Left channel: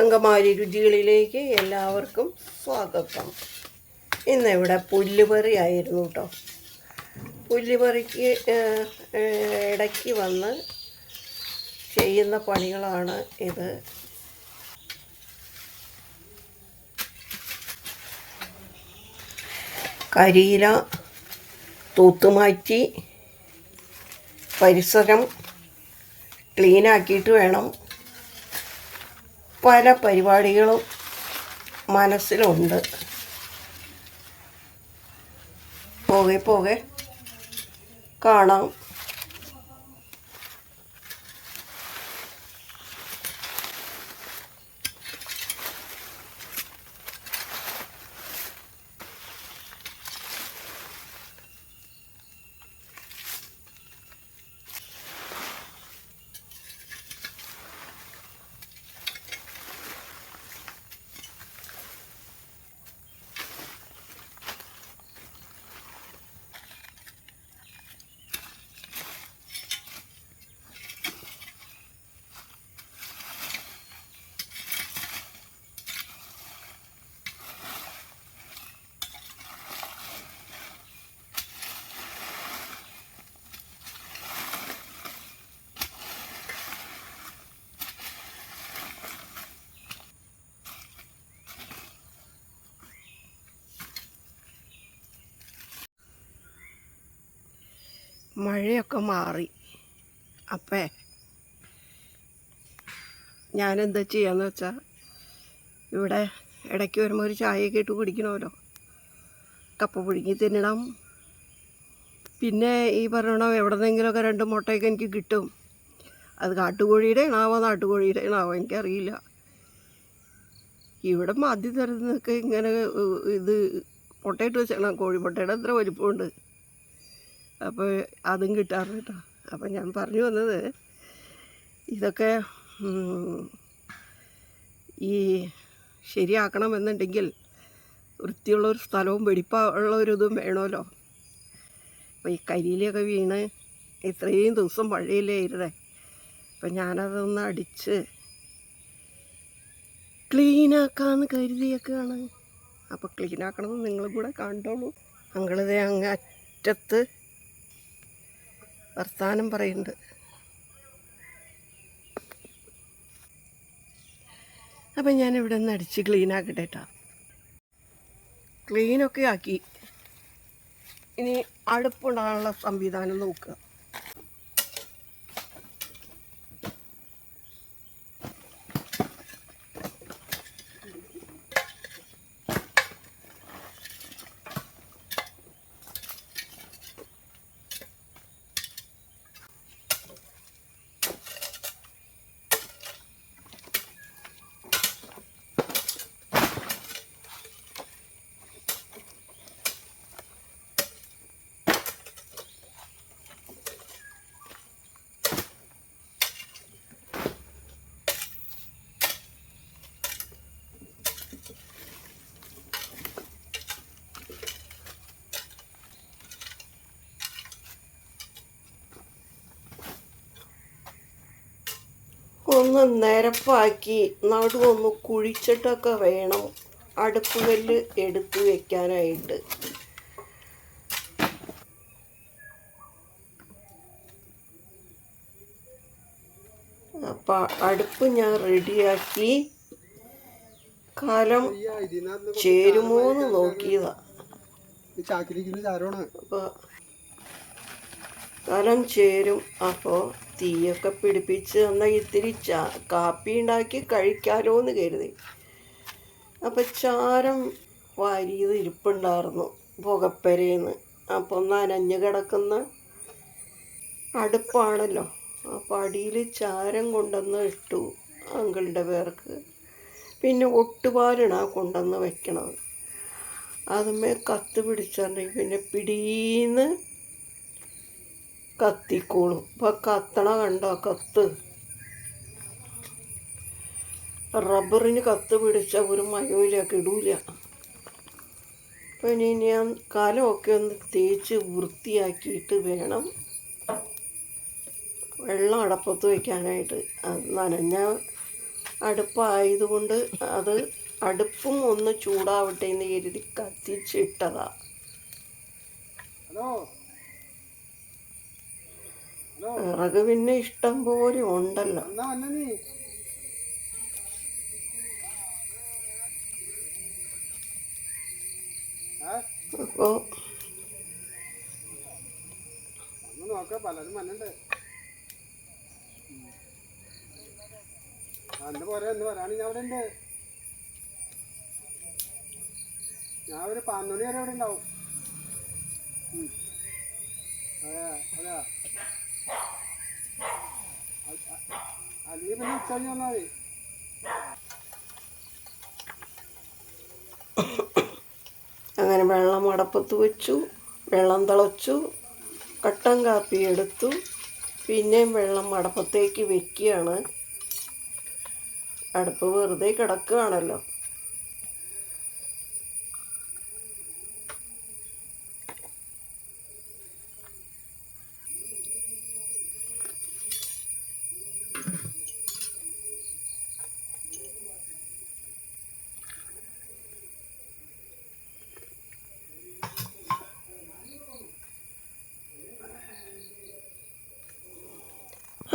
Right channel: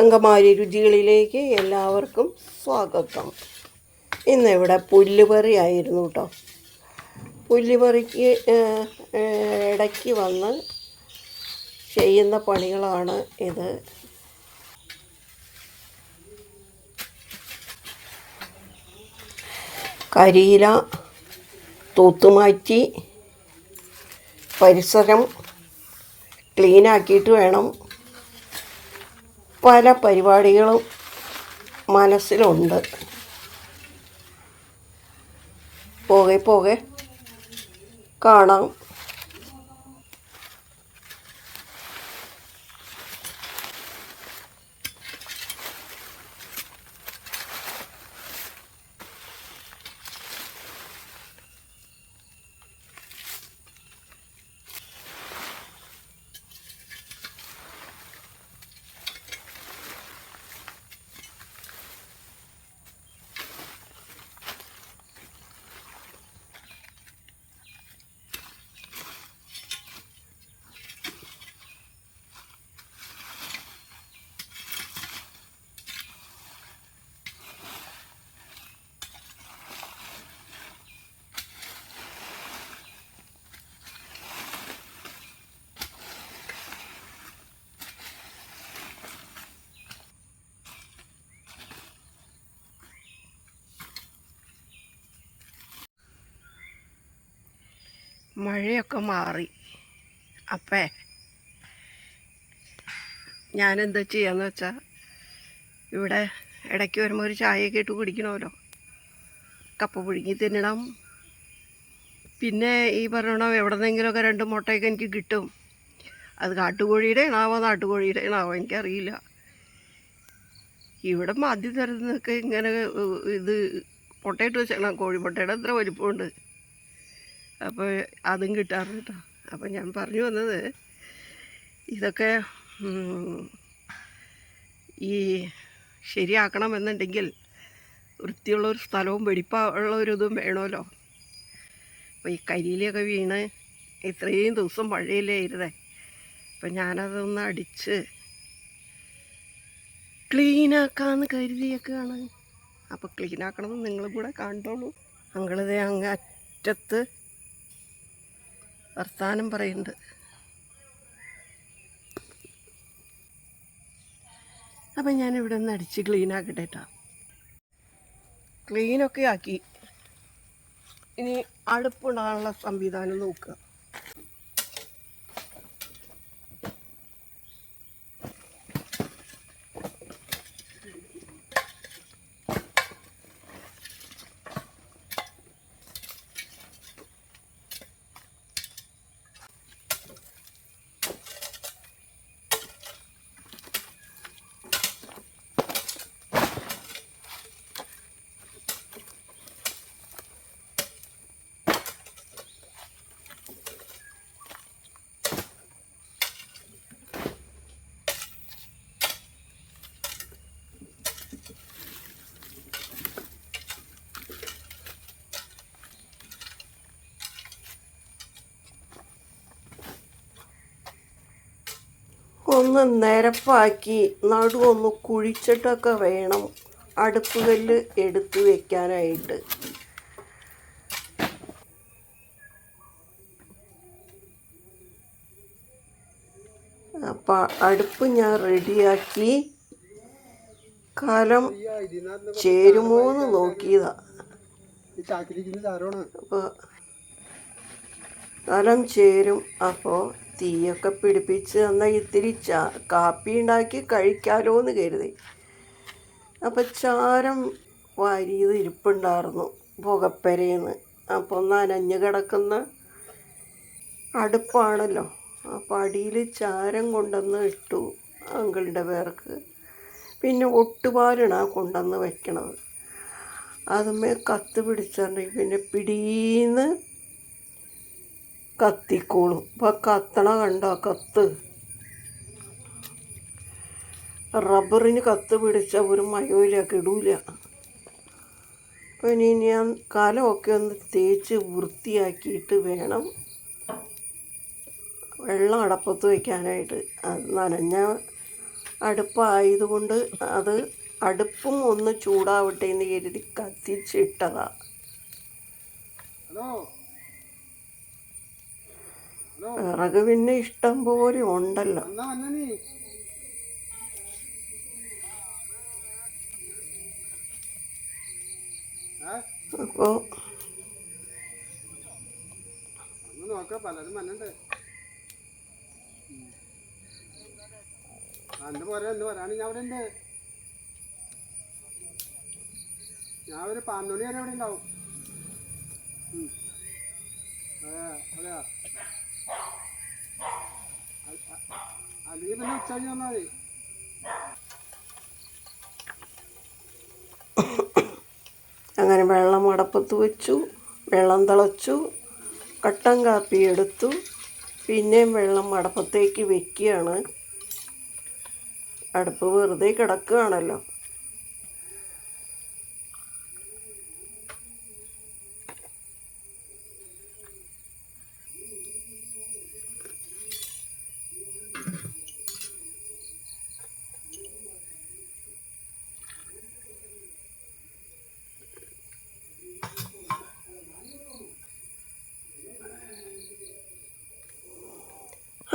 അങ്കമാരി രുചികളിലേക്ക് എല്ലാവർക്കും സ്വാഗതം. ഇന്നിവിടെ പുല്ലുപറി ആയിരുന്നു കേട്ടോ പുല്ലുപറിക്ക് ഇടയ്ക്ക് വന്ന് ചെയ്യുന്ന പണികളാണ് ഇത്. കരിയില തൂത്തുമാറ്റി പരിസരം ക്ലീനാക്കിയിട്ട് വേണം. പല പരിപാടികളും മനസ്സിലുണ്ട്. പോകെ പോകെ. കാണാം. മഴയൊക്കെ മാറി. അപ്പേ ഞാനെന്താ ചെയ്യാന്ന് വെച്ചാൽ ഇവിടെ ഇടയ്ക്ക് വരുമ്പോൾ ഒരു ചായയൊക്കെ ഇട്ട് കുടിക്കണമല്ലോ. കപ്പ പുഴുങ്ങി തിന്നണം. പിന്നെ ഈ പറയണം എവിടെ നിന്നെങ്കിലുമൊക്കെ രണ്ട് മുട്ടയൊക്കെ എനിക്ക് കിട്ടും. അത് കാട്ടുകോഴിയുടെ ഇണാവോ നാട്ടുകോഴിയുടെ ഇണാവോ എനിക്കറിയില്ല. ഇവിടെ മദ്യ തരുന്നൊക്കെ ഇങ്ങനെ ഇത് മുട്ടയിട്ട് വെച്ചാണ് കോഴിമുട്ടയുടെ അത്ര വലിപ്പമുണ്ട്. അപ്പോൾ അതും കിട്ടാറുണ്ട് കേട്ടോ അപ്പോൾ ഞാൻ പറഞ്ഞു വന്നത് ഇതൊക്കെ ഈ ശരിയാക്കണമെന്നുണ്ടെങ്കിൽ വൃത്തിയുള്ള ഒരു സ്ഥലവും വെടിപ്പുള്ള ഒരു ഇതും വേണമല്ലോ. അപ്പോൾ ഈ കരിയിലൊക്കെ വീണ് ഇത്രയും ദിവസം മഴയില്ലേ ഇരുതേ അപ്പം ഞാനതൊന്ന് അടിച്ച് ക്ലീനാക്കാന്ന് കരുതിയൊക്കെയാണ്. അപ്പോൾ ക്ലീനാക്കണമെന്ന് നിങ്ങളും കൂടെ കണ്ടോളൂ. അങ്ങളിതേ അങ്ങ് അറ്റത്ത് വർത്താനം പറയുന്നുണ്ട്. അപ്പം ഞാൻ ഇവിടെ നിന്ന് അടിച്ച് ക്ലീൻ ആക്കട്ടെ കേട്ടോ ക്ലീനൊക്കെ ആക്കി. ഇനി അടുപ്പുണ്ടാകാനുള്ള സംവിധാനം നോക്കുക. ഒന്ന് നിരപ്പാക്കി നടുവൊന്ന് കുഴിച്ചിട്ടൊക്കെ വേണം. അടുപ്പ് കല്ല് എടുത്ത് വെക്കാനായിട്ട്. അപ്പം അടുപ്പ് ഞാൻ റെഡിയാക്കി. കാലം ചേരുമോന്ന് നോക്കിയതാ. അപ്പോൾ കാലം ചേരും. അപ്പോൾ തീയൊക്കെ പിടിപ്പിച്ച് എന്നാൽ ഇത്തിരി ചാ കാപ്പി ഉണ്ടാക്കി കഴിക്കാലോ എന്ന് കരുതി. അപ്പോൾ ചാരം വാരിയത് ഇരിപ്പുണ്ടായിരുന്നു പുകപ്പരേന്ന്. അപ്പോൾ അനഞ്ഞ് കിടക്കുന്ന അടുപ്പാണല്ലോ. അപ്പോൾ അടിയിൽ ചാരം കൊണ്ടുവന്ന് ഇട്ടു അങ്കിളുടെ പേർക്ക്. പിന്നെ ഒട്ടുപാലാണ് കൊണ്ടുവന്ന് വെക്കണത്. അതുമേ കത്ത് പിടിച്ചിട്ടുണ്ടെങ്കിൽ പിന്നെ പിടീന്ന് കത്തിക്കോളും. ഇപ്പം കത്തണ കണ്ടോ? കത്ത്. റബ്ബറിന് കത്ത് പിടിച്ച ഒരു മയോയില കിടൂല അപ്പം ഇനി ഞാൻ കലമൊക്കെ ഒന്ന് തേച്ച് വൃത്തിയാക്കിയിട്ട് വേണം വെള്ളം അടപ്പത്ത് വയ്ക്കാനായിട്ട് അത് നനഞ്ഞ അടുപ്പായതുകൊണ്ട് അത് അടുപ്പും ഒന്ന് ചൂടാവട്ടെ എന്ന് കരുതി കത്തിച്ചിട്ടതാ. Hello hello? വിറക് പിന്നെ ഇഷ്ടം പോലെ ഉണ്ടല്ലോ. അപ്പോൾ നോക്ക പലരും വന്നുണ്ട് അന്ന് പോരാ എന്ന് പറയാന് ഞാൻ അവിടെ ഉണ്ട്. ഞാൻ ഒരു പന്ത്രണ്ട് വരെ ഇവിടെ ഉണ്ടാവും. അതെ അതെ അങ്ങനെ വെള്ളം അടപ്പത്ത് വെച്ചു വെള്ളം തിളച്ചു കട്ടൻ കാപ്പി എടുത്തു. പിന്നെയും വെള്ളം അടപ്പത്തേക്ക് വെക്കുകയാണ്. അടുപ്പ് വെറുതെ കിടക്കുകയാണല്ലോ.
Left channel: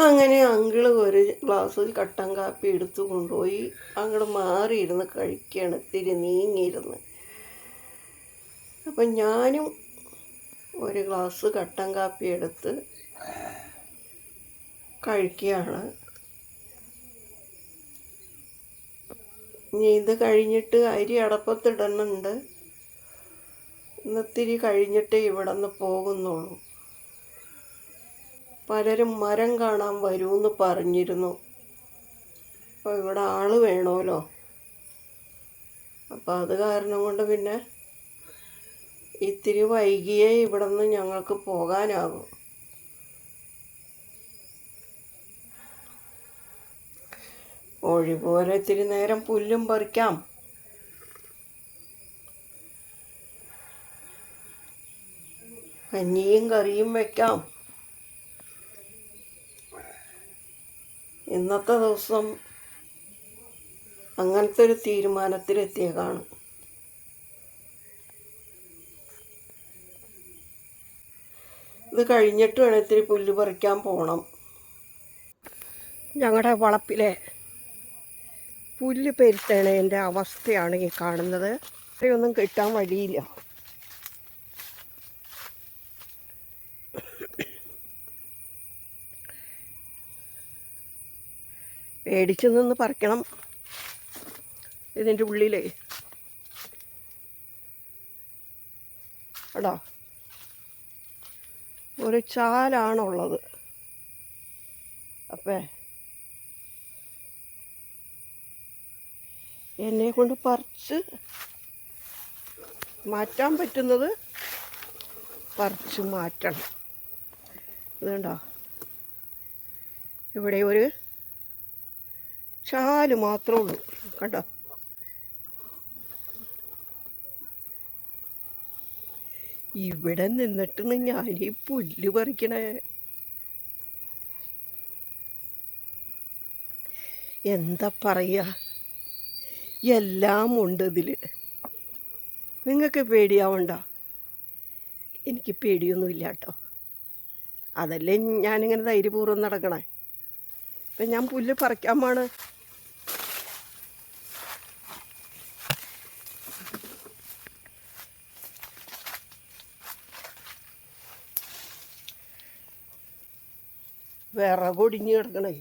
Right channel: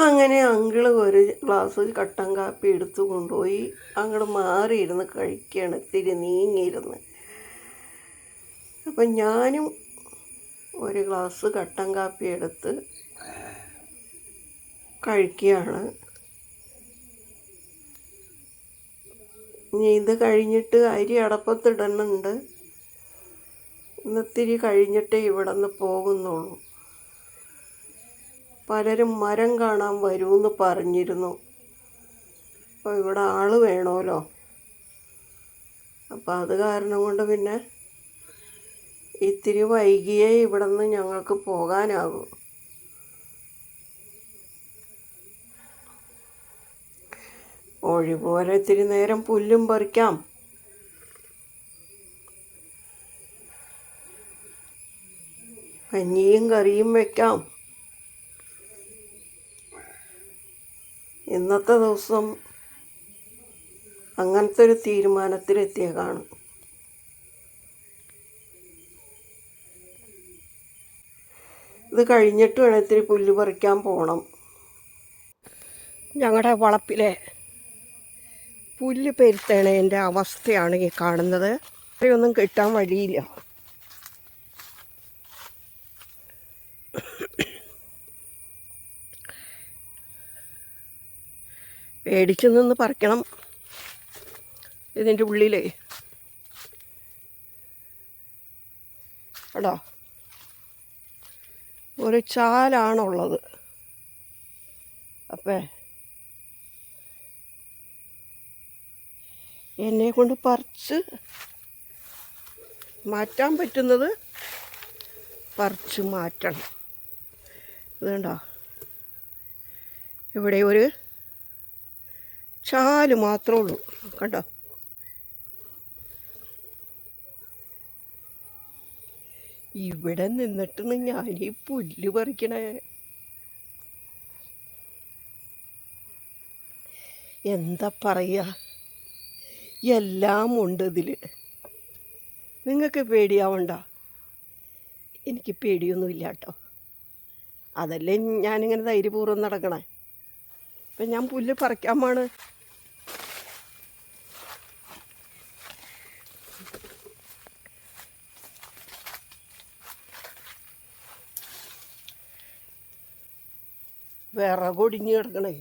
അങ്ങനെ അങ്കിൾ ഒരു ഗ്ലാസ് കട്ടൻ കാപ്പി എടുത്തു കൊണ്ടുപോയി. അങ്ങോട്ട് മാറിയിരുന്ന് കഴിക്കുകയാണ് ഇത്തിരി നീങ്ങിയിരുന്ന്. അപ്പം ഞാനും ഒരു ഗ്ലാസ് കട്ടൻ കാപ്പി എടുത്ത് കഴിക്കുകയാണ്. ഇനി ഇത് കഴിഞ്ഞിട്ട് അരി അടപ്പത്തിടണുണ്ട്. ഇന്നിത്തിരി കഴിഞ്ഞിട്ടേ ഇവിടെ നിന്ന് പോകുന്നുള്ളൂ. പലരും മരം കാണാൻ വരുമെന്ന് പറഞ്ഞിരുന്നു. അപ്പോൾ ഇവിടെ ആൾ വേണമല്ലോ അപ്പോൾ അത് കാരണം കൊണ്ട് പിന്നെ ഇത്തിരി വൈകിയേ ഇവിടെ നിന്ന് ഞങ്ങൾക്ക് പോകാനാകും ഒഴി പോലെ ഇത്തിരി നേരം പുല്ലും പറിക്കാം. കഞ്ഞിയും കറിയും വെക്കാം. ഇന്നത്തെ ദിവസം അങ്ങനത്തെ ഒരു തീരുമാനത്തിലെത്തിയേക്കാണ് ഇത് കഴിഞ്ഞിട്ട് വേണം ഇത്തിരി പുല്ല് പറിക്കാൻ പോകണം ഞങ്ങളുടെ വളപ്പിലെ പുല്ല് പെരുത്തേണേന്റെ അവസ്ഥയാണ് ഈ കാണുന്നത്. ഇത്രയൊന്നും കിട്ടാൻ വഴിയില്ല. പേടിച്ചു നിന്ന് പറിക്കണം. ഇതിന്റെ ഉള്ളിലേ. കേട്ടോ ഒരു ചാലാണുള്ളത്. അപ്പേ. എന്നെ കൊണ്ട് പറിച്ച് മാറ്റാൻ പറ്റുന്നത് പറിച്ച് മാറ്റണം. ഇതുണ്ടോ ഇവിടെ ഒരു ചാൽ മാത്രമേ ഉള്ളൂ. കണ്ടോ? ഇവിടെ നിന്നിട്ടാണ് ഞാൻ ഈ പുല്ല് പറിക്കണേ. എന്താ പറയുക എല്ലാം ഉണ്ട് ഇതിൽ നിങ്ങൾക്ക് പേടിയാവണ്ട. എനിക്ക് പേടിയൊന്നുമില്ല കേട്ടോ. അതല്ലേ ഞാനിങ്ങനെ ധൈര്യപൂർവം നടക്കണേ. ഇപ്പം ഞാൻ പുല്ല് പറിക്കാൻ പോണ്. വിറകൊടിഞ്ഞ് കിടക്കണേ